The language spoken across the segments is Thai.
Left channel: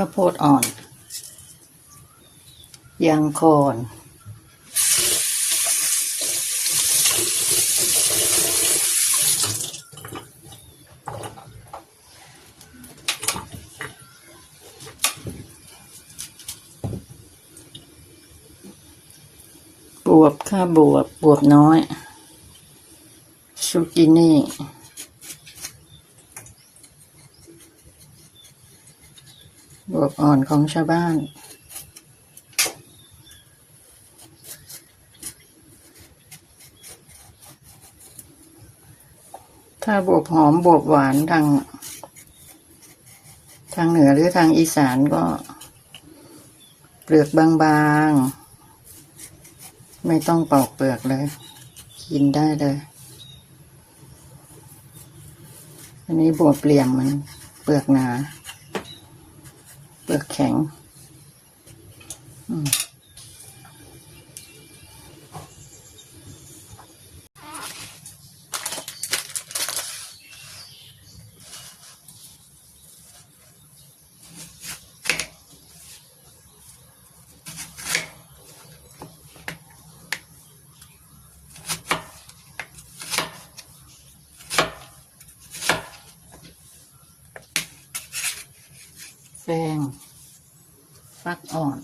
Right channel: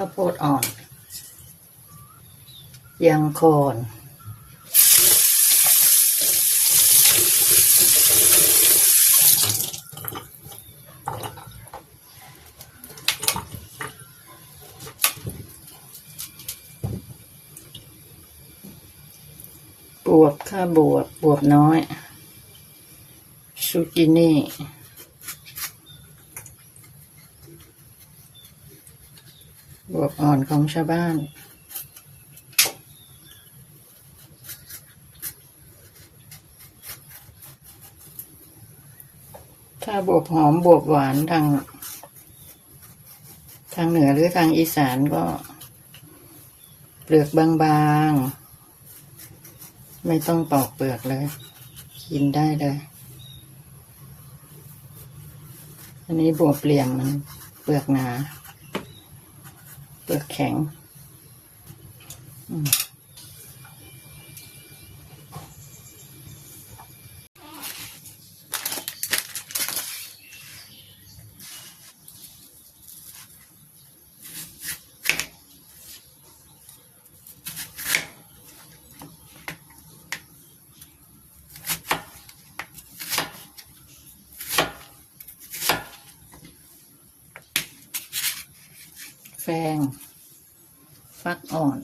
ข้าวโพดอ่อน ยางคอนบวบค่าบวบบวบน้อยซูกินี่ บบอ่อนของชาวบ้าน ถ้าบวบหอมบวบหวานทาง ทางเหนือหรือทางอีสานก็เปลือกบางๆ ไม่ต้องปอกเปลือกเลย กินได้เลยอันนี้บวบเปลี่ยมมันเปลือกหนา เปลือกแข็งอื มแฟงฟักอ่อน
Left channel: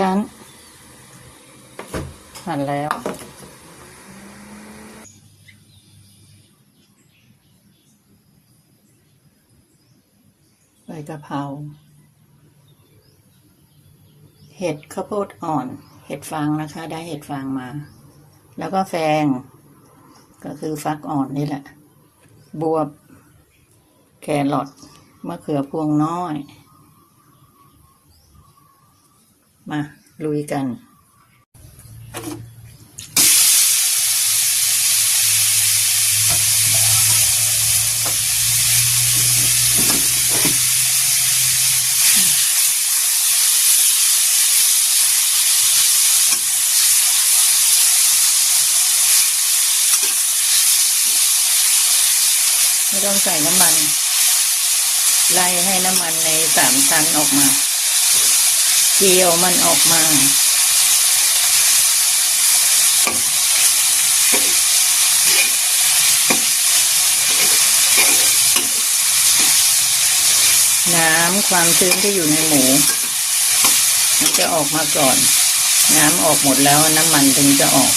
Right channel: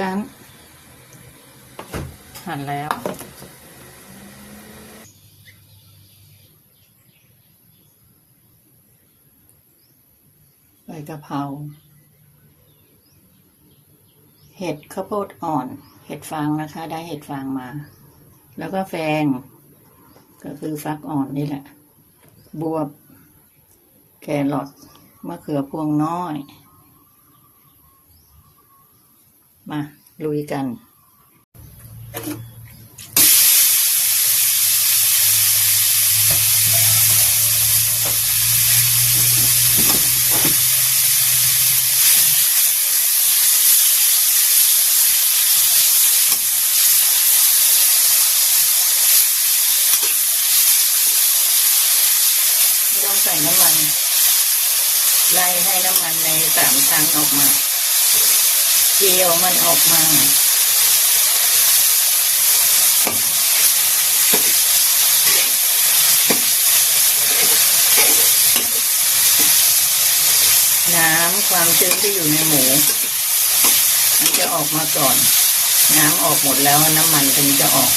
ชั้น หั่นแล้วใบกะเพราเห็ดข้าวโพดอ่อน เห็ดฟางนะคะ ได้เห็ดฟางมา แล้วก็แฟง ก็คือฟักอ่อนนี่แหละ บวบ แครอทมะเขือพวงน้อย มา ลุยกัน ไม่ต้องใส่น้ำมัน ไล่ให้น้ำมันในสามชั้นออกมา เจียวมันออกมาน้ำความชื้นที่อยู่ในหมู มันจะออกมาก่อน น้ำออกหมดแล้วน้ำมันถึงจะออก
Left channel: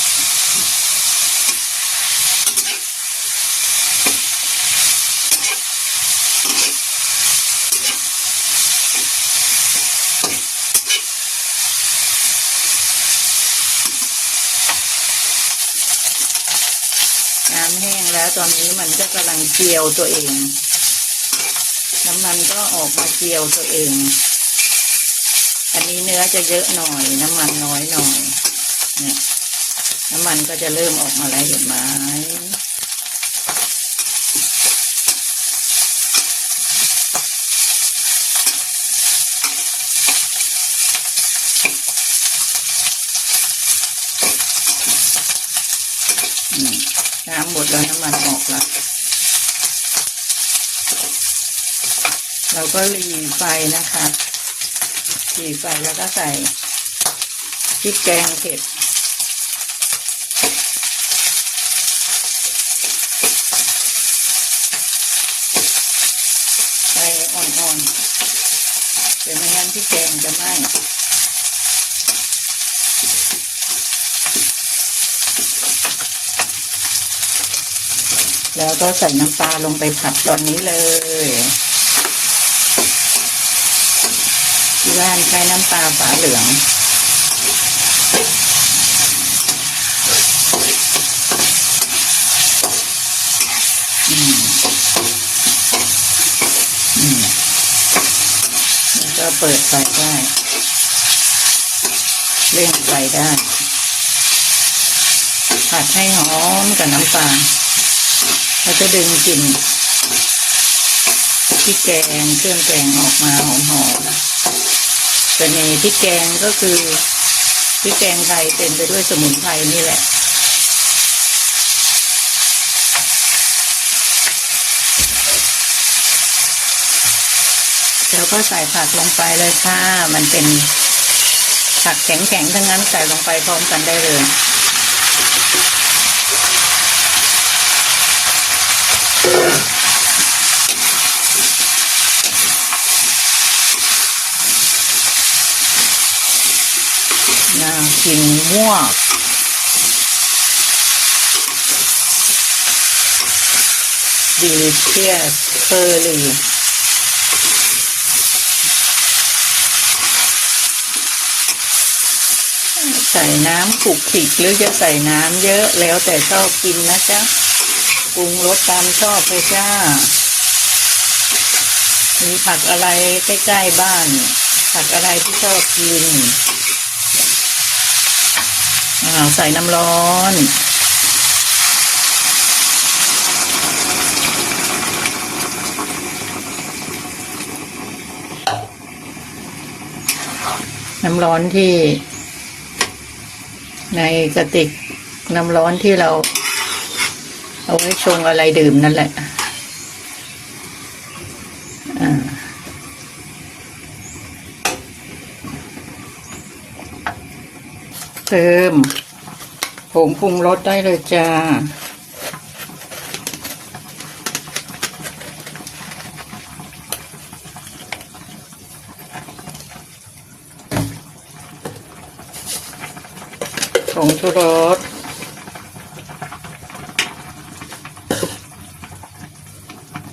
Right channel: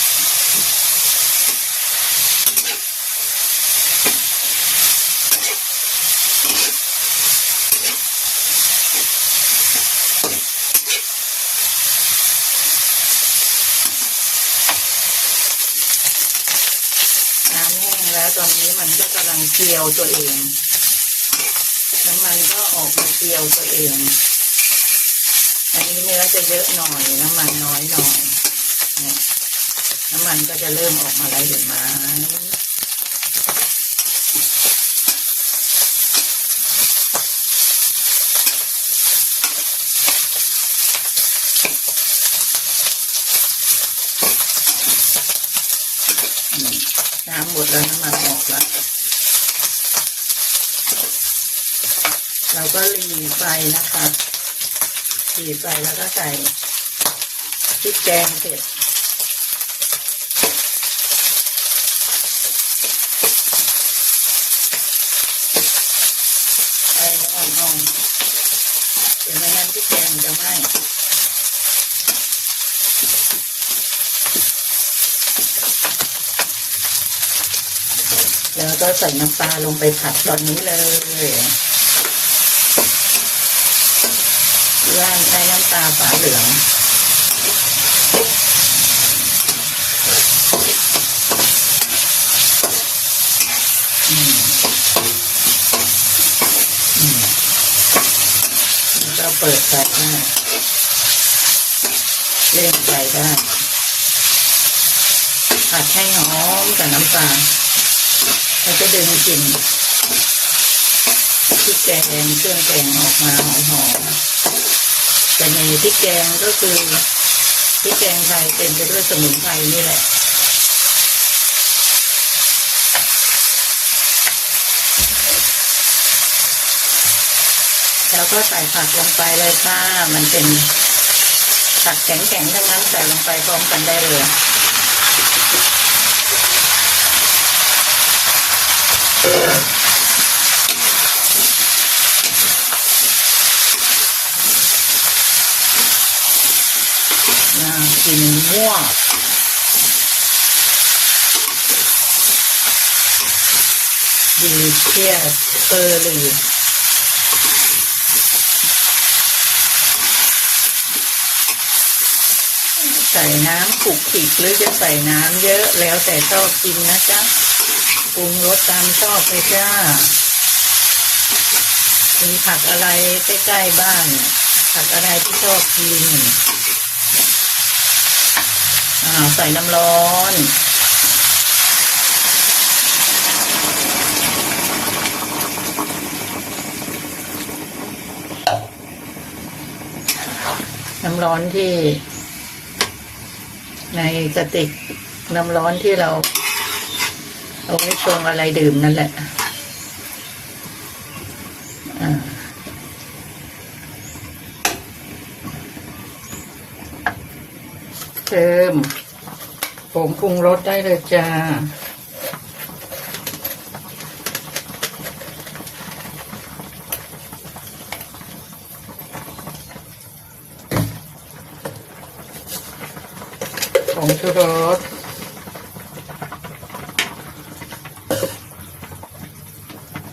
แล้วตอนนี้ มันก็กำลังเจียวตัวเอง น้ำมันก็ออกมาเจียวตัวเอง อันนี้เนื้อจะเยอะหน่อย น้ำมันน้อยหน่อยเนี่ยน้ำมันก็จะเริ่มออกมาแล้วเห็นไหมน้ำหมดแล้วน้ำมันออก แล้ว เราก็รีไฟนะครับรีไฟแล้วก็ใส่พริกแกงเผ็ดไฟอ่อนๆเดี๋ยวไม่งั้นพริกแกงจะไหม้ แล้วก็ใส่น้ำปลาลงไปผัดตอนนี้เลยที่บ้านใช้น้ำปลาฝาเหลืองอืมอืมแล้วก็เปิดไฟได้เลื่อนไฟได้ผัดให้หอมกับน้ำปลา แล้วก็ดึงกลิ่นพริกแกงเครื่องแกงออกมาหอมๆจะมีพริกแกงก็คือพริกแกงไทยเต็มไปด้วยสมุนไพรนี่แหละแล้วก็ใส่ผักลงไปเลยค่ะ มันเป็นผักแข็งๆ ทั้งนั้นใส่ลงไปพร้อมกันได้เลย น่ากินมาก delicious curry ใส่น้ำปุกขิกหรือจะใส่น้ำเยอะแล้วแต่ชอบกินนะจ๊ะปรุงรสตามชอบไปจ้า มีผักอะไรใกล้ ๆ บ้าน ผักอะไรที่ชอบกิน อ่าใส่น้ำร้อนน้ำร้อนที่ ในกระติกน้ำร้อนที่เรา เอาไว้ชงอะไรดื่มนั่นแหละ เติมผงปรุงรสได้เลยจ้า ผงชูรส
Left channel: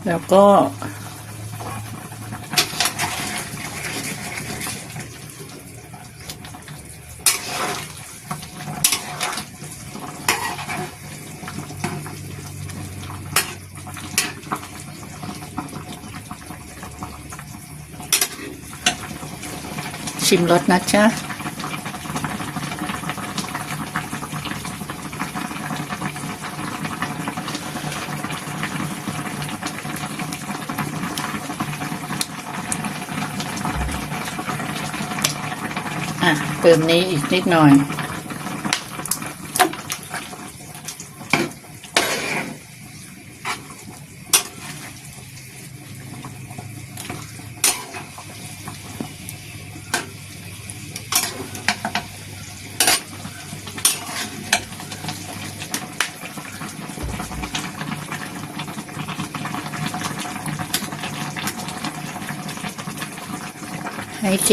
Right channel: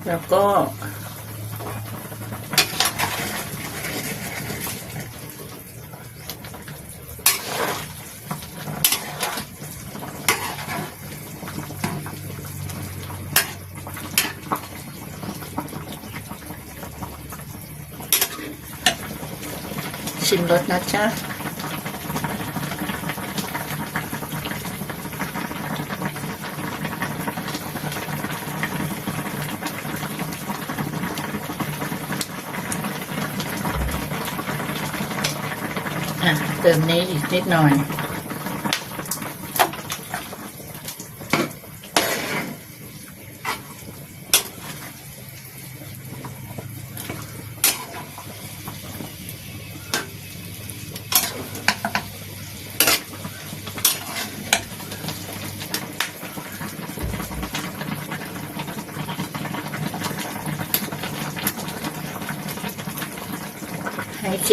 แล้วก็ ชิมรสนะจ๊ะอะเติมนี้อีกนิดหน่อย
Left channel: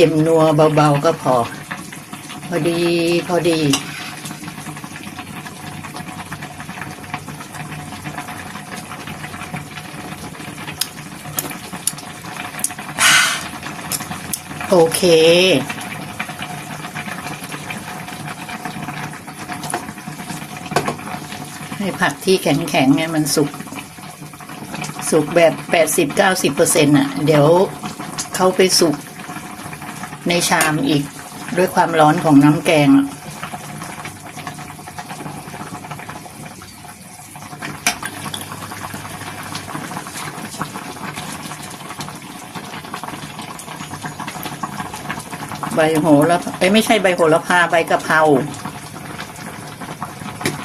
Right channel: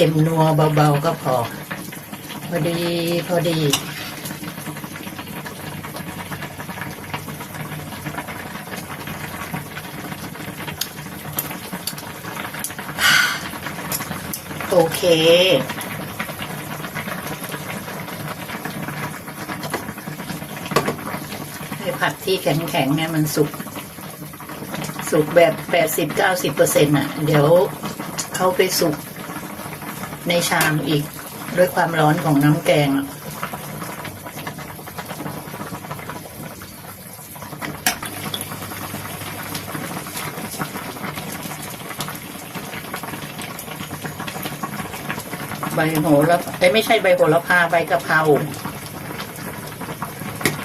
ค็มนัวเบาๆก็พอ พอดีพอดีโอเค ให้ผักที่แข็งๆเนี่ยมันสุก สุกแบบแปดสิบเก้าสิบเปอร์เซ็นต์อะ เดี๋ยวเขาไปสุก ในชามอีกด้วยความร้อนของน้ำแกง ใบโหระเอ้ไม่ใช่ใบโหระพาใบกะเพรา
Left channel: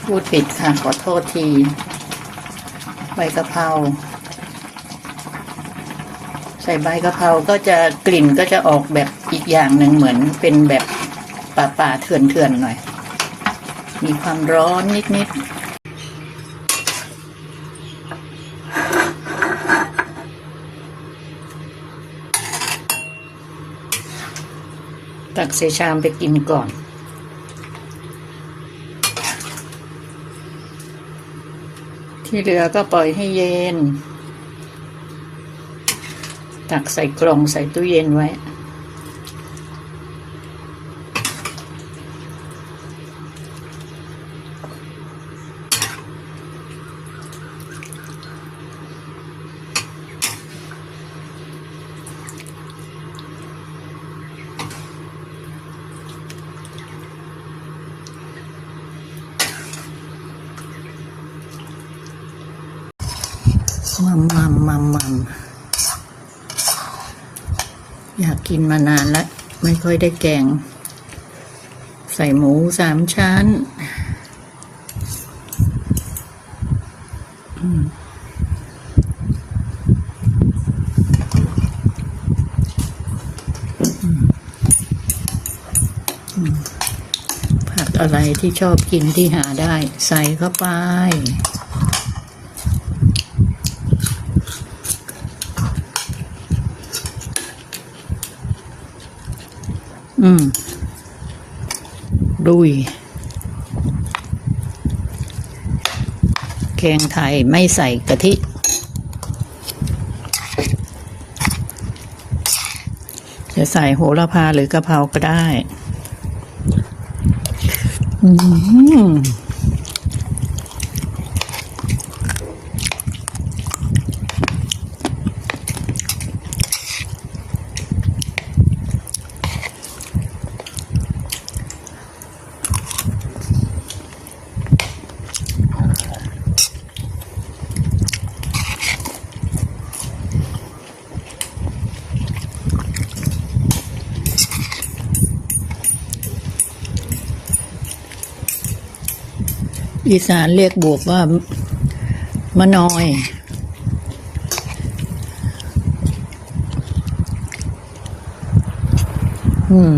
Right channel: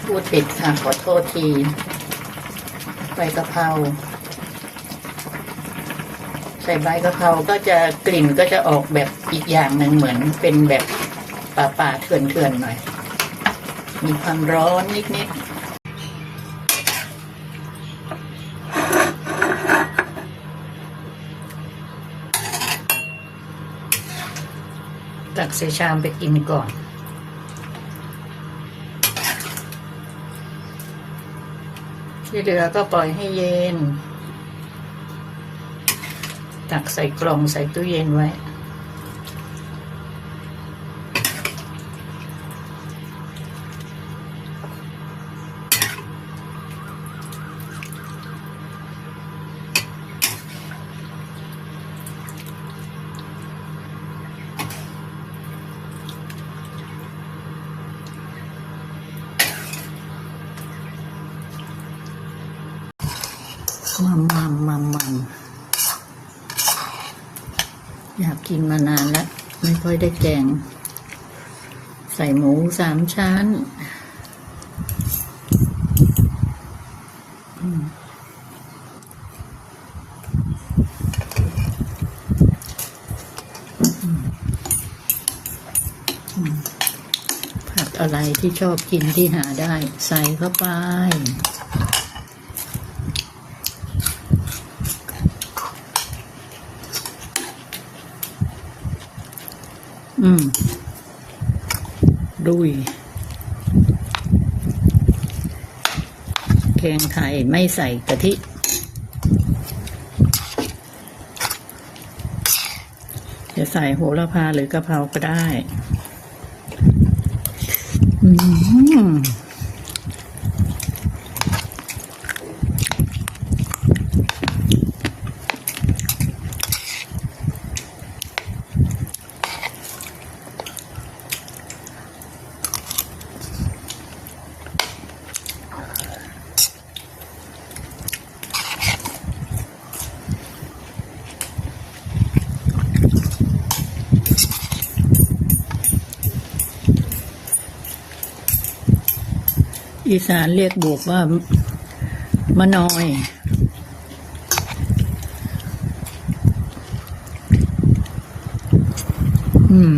พูดผิดค่ะ ขอโทษที ใบกะเพรา ใส่ใบกะเพราก็จะกลิ่นก็จะออกแบบอีกอย่างหนึ่งเหมือนเป็นแบบป่าป่าๆเถื่อนเถื่อนๆหน่อย มีความร้อนนิดๆตักใส่ชามไปกินก่อนที่เหลือก็ปล่อยให้เย็น ตักใส่กล่องใส่ตู้เย็นไว้ มัมมัมมัมมัม อยากกินมานานแล้ว ไม่ค่อยได้แกง ใส่หมูสามชั้นผักอะไรที่ชอบกินที่หาได้ ใส่เข้าไป อืมดุยแกงไทยไม่ใส่กะทิจะใส่โหระพาหรือกะเพราก็ได้ อืม อีสานเรียกบวบว่ามะนอย อืม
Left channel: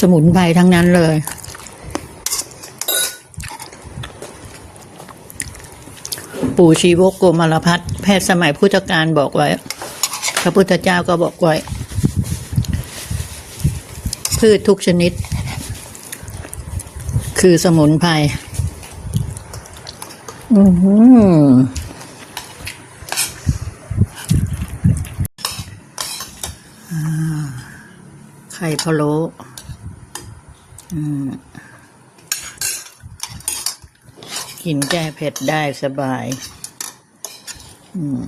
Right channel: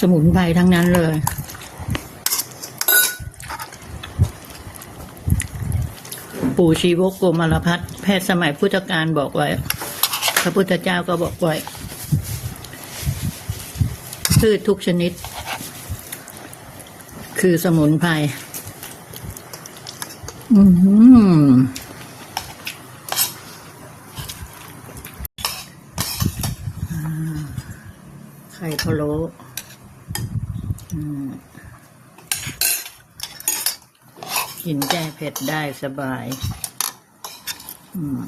สมุนไพรทั้งนั้นเลย ปู่ชีวกโกมารพัฒแพทย์สมัยพุทธกาลบอกไว้ พระพุทธเจ้าก็บอกไว้พืชทุกชนิด คือสมุนไพรอือหืออ่าไข่พะโล้อืมกินแก้เผ็ดได้สบาย อืม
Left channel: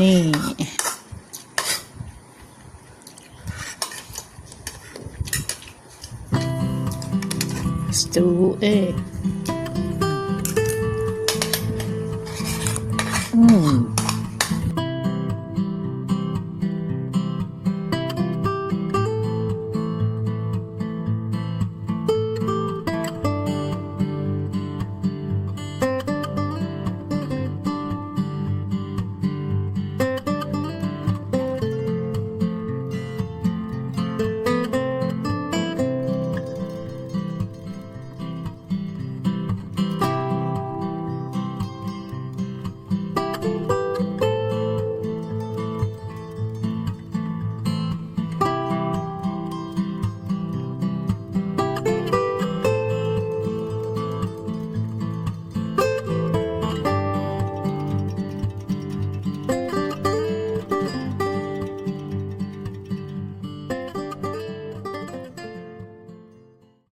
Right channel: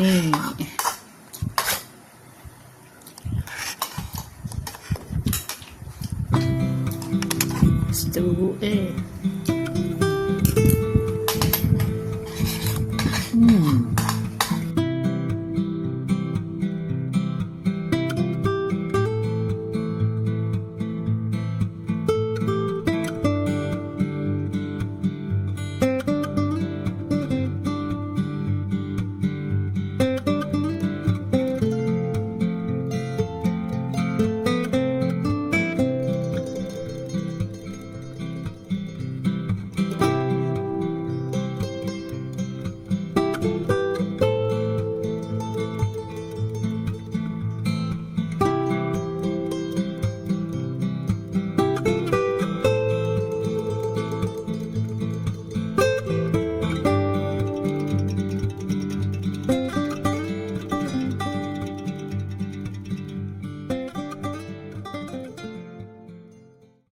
นี่ สตูเอ